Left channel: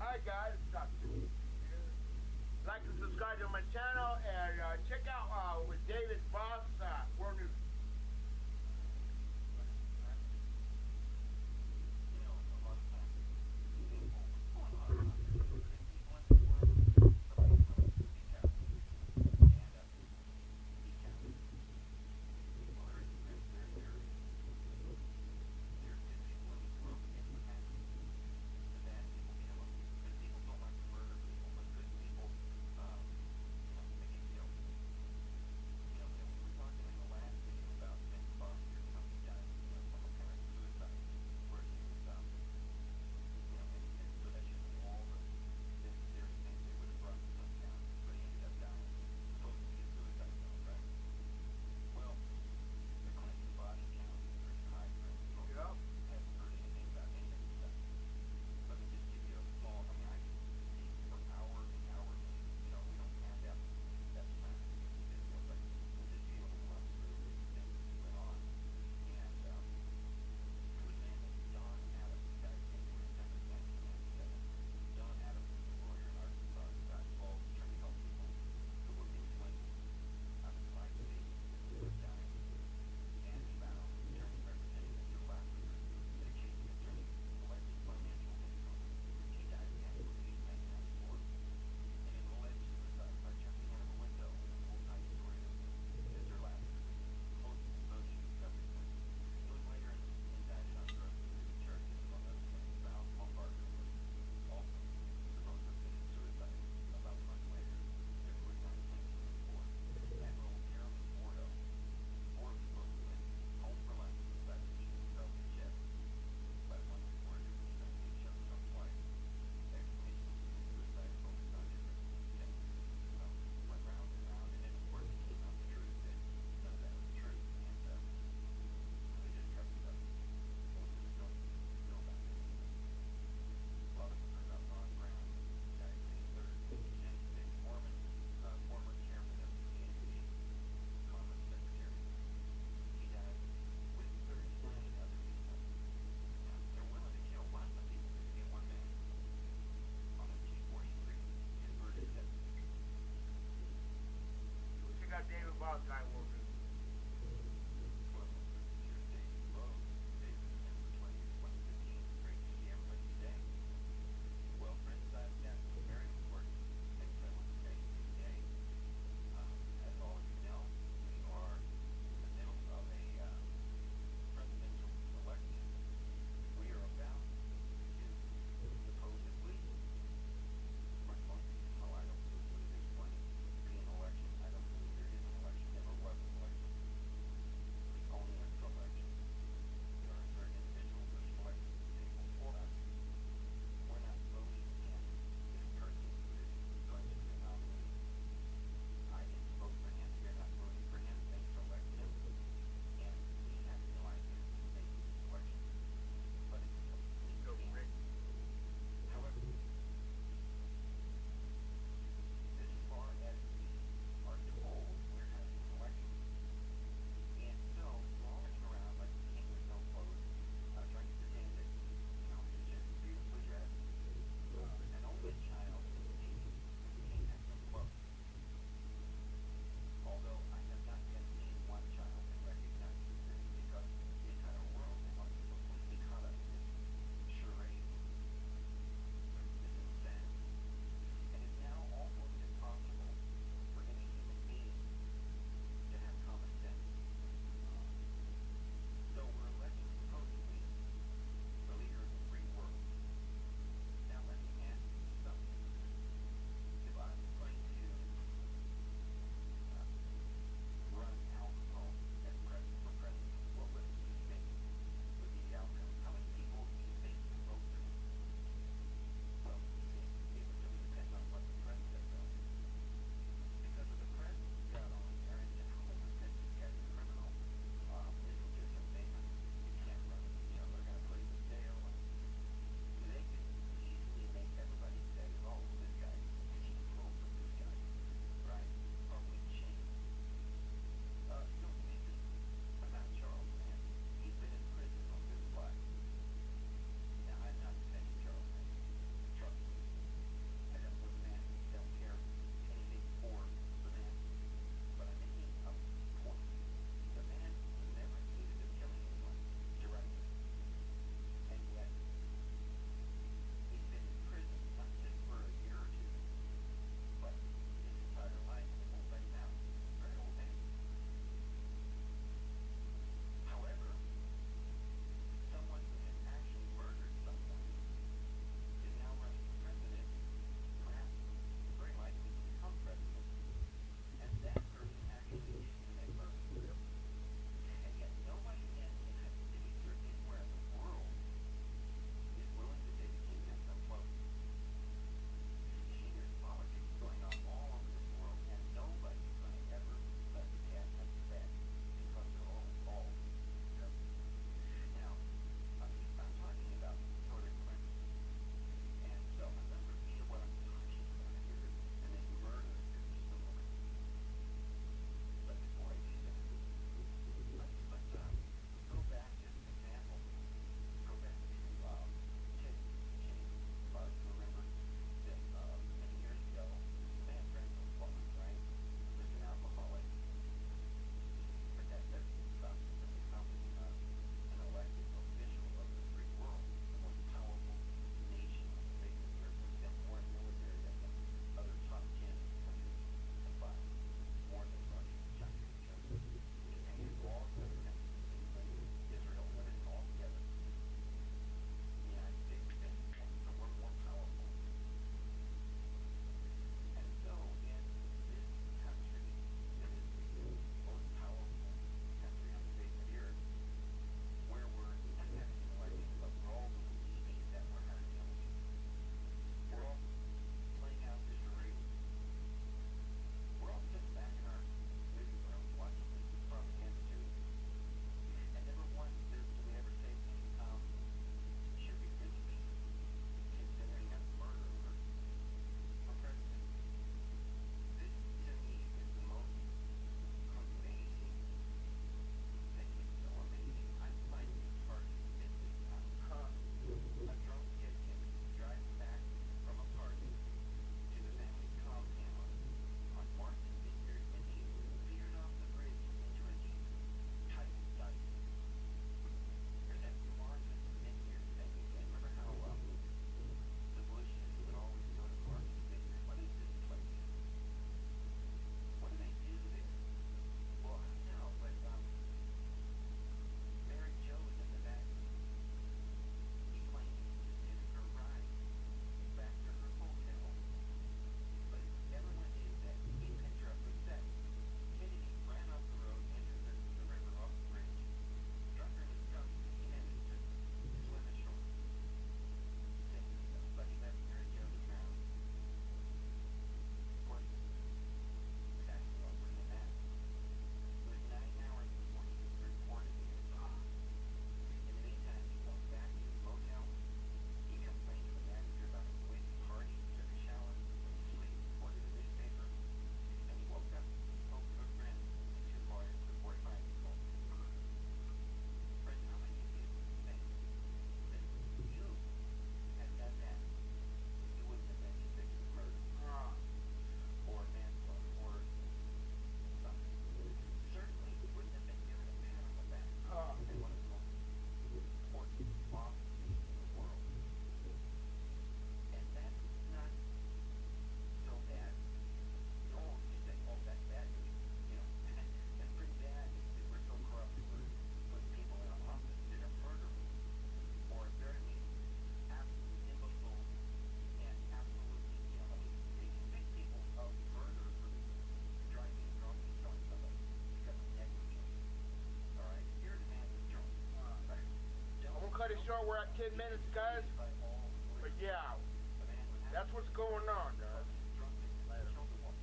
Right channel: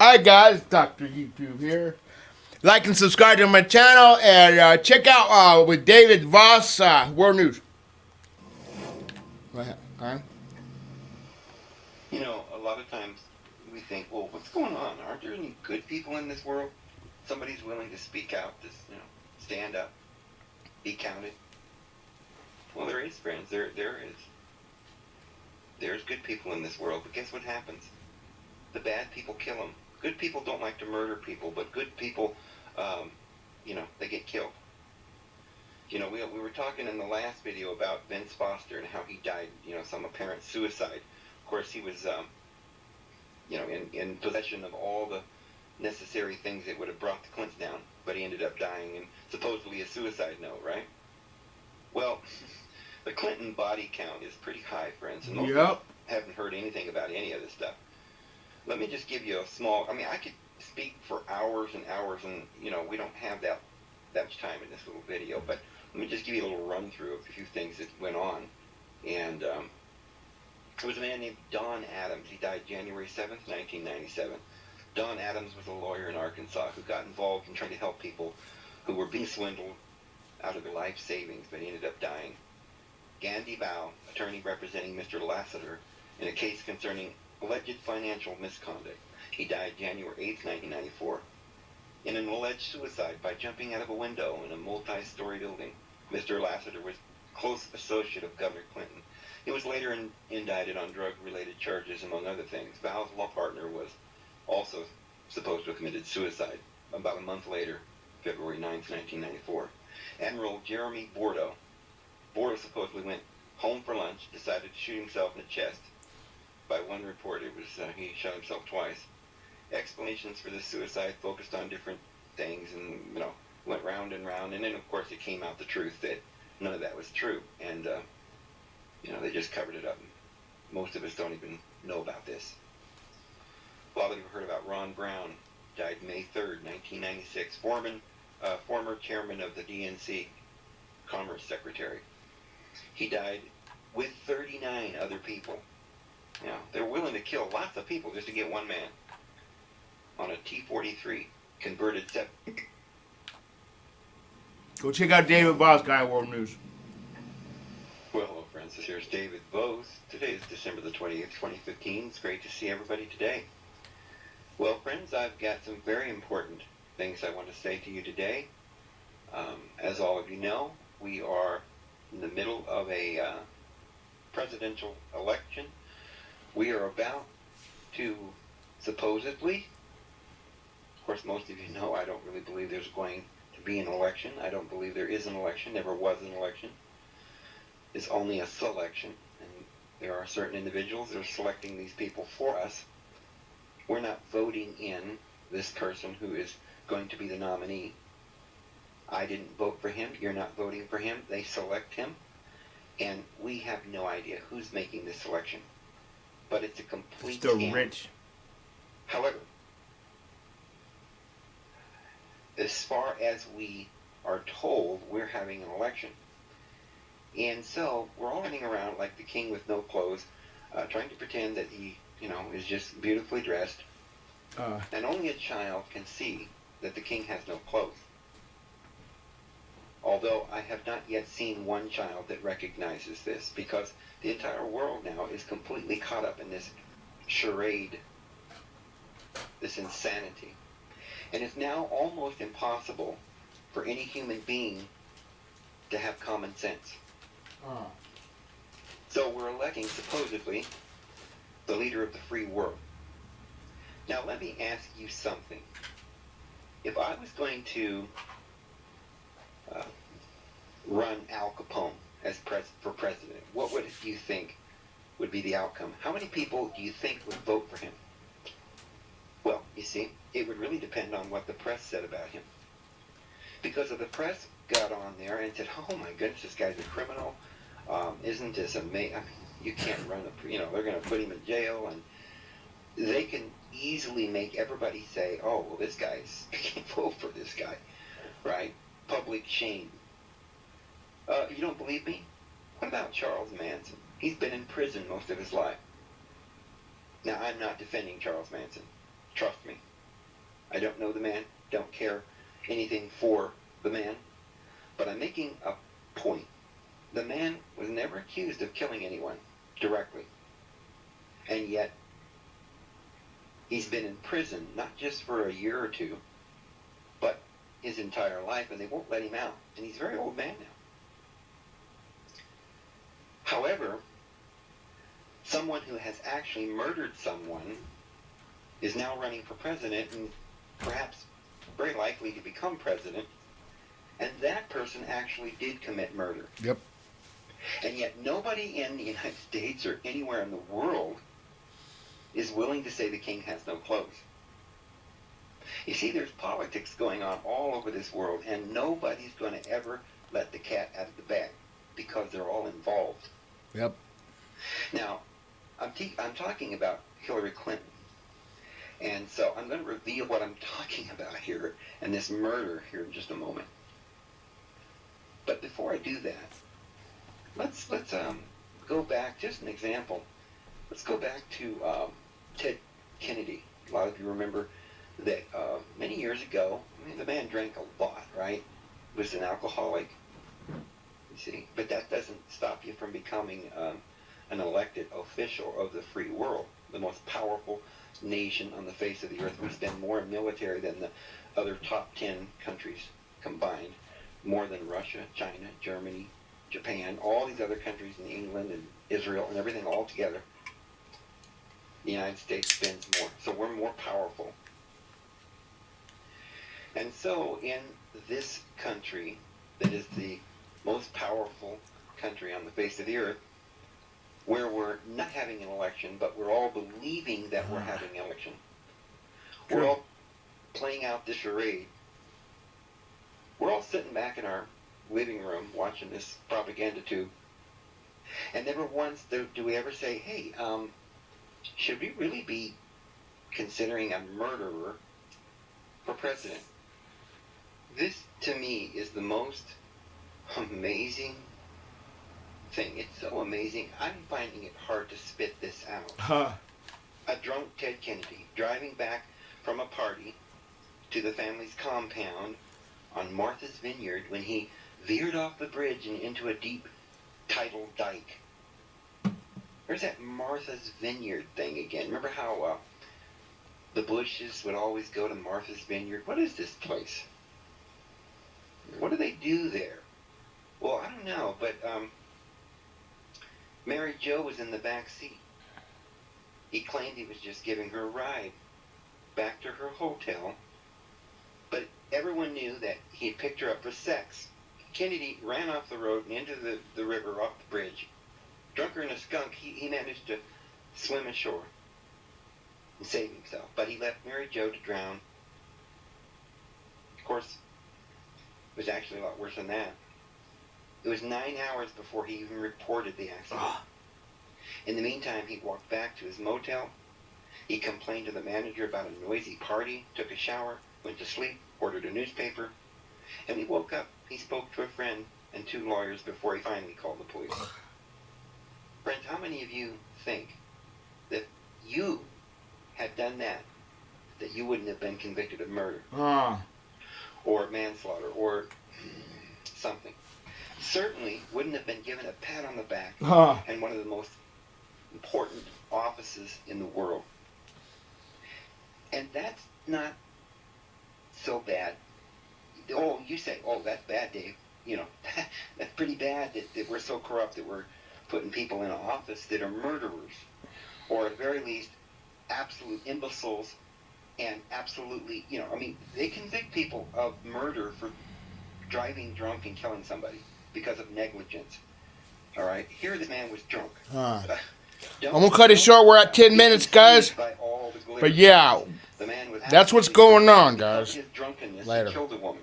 Hi guys, Dr. YouTube here. Like and subscribe to my channel and check out with David Voss, World News. Go ahead. You know, a lot of times we think, well, what's going on? Aren't there any good people in this world? Somebody's willing to speak out, to stand up, be counted. Well, there is, friends. There is. There's good people in this world, but guess what happens? The bad people kill them. Good people don't like to murder people, but good people, they get killed. You know, we were talking in the last video about Vince Foster and how he died, some apparent suicide. Of course, he was, in possession of all the necessary things that would have brought the Clintons down, but he ended up dying in supposedly a suicide note, right? Well, the Clinton body count is pretty high, friends, and most people haven't heard anything about any of this stuff. Let me just give you a small, I could speak for hours and hours, and, we don't have that much time in this little video, but let me just give you a little run through of a few things that went on. And there was a man named Don Adams. He died January 7th, 1997. Don Adams was a lawyer in Arkansas who got involved in trying to help people who were being swindled out of their life savings, but he ended up dying. Gandhi Bao, attorney representing Mr. Lassiter in a case concerning alleged financial misconduct. He died January 8th, 1994. In an alleged suicide by jumping out of a window in a multi-story building. Mr. Lassiter was a close associate of Governor Clinton. He was later indicted on drug-related charges, among other things. Bao's law partner was also supposed to have committed suicide about a month later, February 9th, 1994. Admiral Jeremy Bordeaux. Bordeaux supposedly went home for lunch, decided to shoot himself in the chest. By one report, it was he shot himself twice. Explanations for this suicide focused on different things and, went round and round. And then, of course, it came out the truth that none of that was true. And, they just covered it up. Most of us don't even know about this. A lot of you have heard about Ron Brown. Died May 3rd, 1996. Former chairman of the DNC, Commerce Secretary. He died with 39 other people. They're willing to kill lots of people just to get one man on a T-43 converted set. Go check out David Voss, Guy World News. Well, hello, friends. Here's David Voss. Today is December the 20th, 2015. It's great to see everybody today. Well, friends, I've got some very important things I want to say to you today. As all of you know, we are in the middle of a presidential election. We are about to supposedly, of course, most of you know I don't really believe there's going to be an election. I don't believe there is an election, never was an election. It's only a selection, and there are certain individuals that are selecting these people for us. We're not voting in this person who is going to be the nominee. I didn't vote for him. You're not voting for him. They select him, and we have no idea who's making this selection. But it's a complete scam. Rich. However, as far as we are told, we're having an election. And so we're all running around like the king with no clothes, trying to pretend that he, is just beautifully dressed. And only a child can see that the king has no clothes. Although I have not yet seen one child that recognizes this, because the entire world now is completely caught up in this charade, this insanity. And it's now almost impossible for any human being to have common sense. So we're electing, supposedly, the leader of the free world. Now let me ask you something. If I was going to run Al Capone as for president, what do you think would be the outcome? How many people do you think would vote for him? Well, you see, it would really depend on what the press said about him. Because if the press got on there and said, oh my goodness, this guy's a criminal, isn't this amazing? You can't run they're going to put him in jail, and they can easily make everybody say, oh, well, this guy's, you can't vote for this guy, right? Public shame. You don't believe me? What about Charles Manson? He's been in prison most of his life. Now, I'm not defending Charles Manson. Trust me. don't know the man, don't care anything for the man, but I'm making a point. The man was never accused of killing anyone directly. And yet, he's been in prison, not just for a year or two, but his entire life, and they won't let him out. And he's a very old man now. However, someone who has actually murdered someone is now running for president and perhaps very likely to become president, and that person actually did commit murder. Yep. And yet nobody in the United States or anywhere in the world is willing to say the king has no clothes. You see, there's politics going on all over this world, and nobody's going to ever let the cat out of the bag because they're all involved. Yep. Now, I'm talking about Hillary Clinton. And so I'm going to reveal what I'm talking about here and this murder here in just a moment. But before I do that, let's go back, just an example. Let's go back to Ted Kennedy. A lot of you remember that many years ago, I mean, the man drank a lot, right? Was an alcoholic, you see. But that doesn't stop you from becoming an elected official of the free world, the most powerful nation on the face of the earth. We spend more in military than the other top 10 countries combined, more than Russia, China, Germany, Japan, all these other countries, in England and Israel and everything all together. The United States spends more, so we're more powerful. And so in this country that is the most powerful country on the face of the earth, where we're not having an election, but we're all believing that we're having an election. We're all playing out this charade. We're all sitting back in our living room watching this propaganda tube. And never once do we ever say, hey, should we really be considering a murderer for president? This, to me, is the most amazing thing. It's so amazing. I'm finding it hard to spit this out. A drunk Ted Kennedy driving back from a party to the family's compound on Martha's Vineyard when he veered off the bridge and into a deep tidal dike. There's that Martha's Vineyard thing again. Remember how the Bushes would always go to Martha's Vineyard? What is this place? What do they do there? Well, I don't know, but Mary Jo was in the back seat. He claimed he was just giving her a ride back to her hotel, but everyone knew that he had picked her up for sex. Kennedy ran off the road and into the river off the bridge. Drunker than a skunk, he managed to swim ashore and save himself, but he left Mary Jo to drown. Of course, it was actually a lot worse than that. It was 9 hours before he even reported the accident. In the meantime, he walked back to his motel. He complained to the manager about a noisy party, took a shower, went to sleep, ordered a newspaper, and when he woke up, he spoke to a friend and 2 lawyers before he finally called the police. Friends, how many of you think that you had done that you wouldn't have been convicted of murder or manslaughter or something? Certainly wouldn't have been given a pat on the back and one of the most important offices in the world. And that's not so bad. Oh, you say, oh, that's bad, Dave. You know, that's pretty bad that we're so corrupt that we're putting people in office that are murderers, or at very least absolute imbeciles, and absolutely, you know, I mean, they convict people of murder for driving drunk and killing somebody because of negligence. All right, here this man was drunk. I'm gonna cut it short. We're at 10 minutes, guys. But yeah, that's what's going on, guys. His drunkenness Later. killed a woman.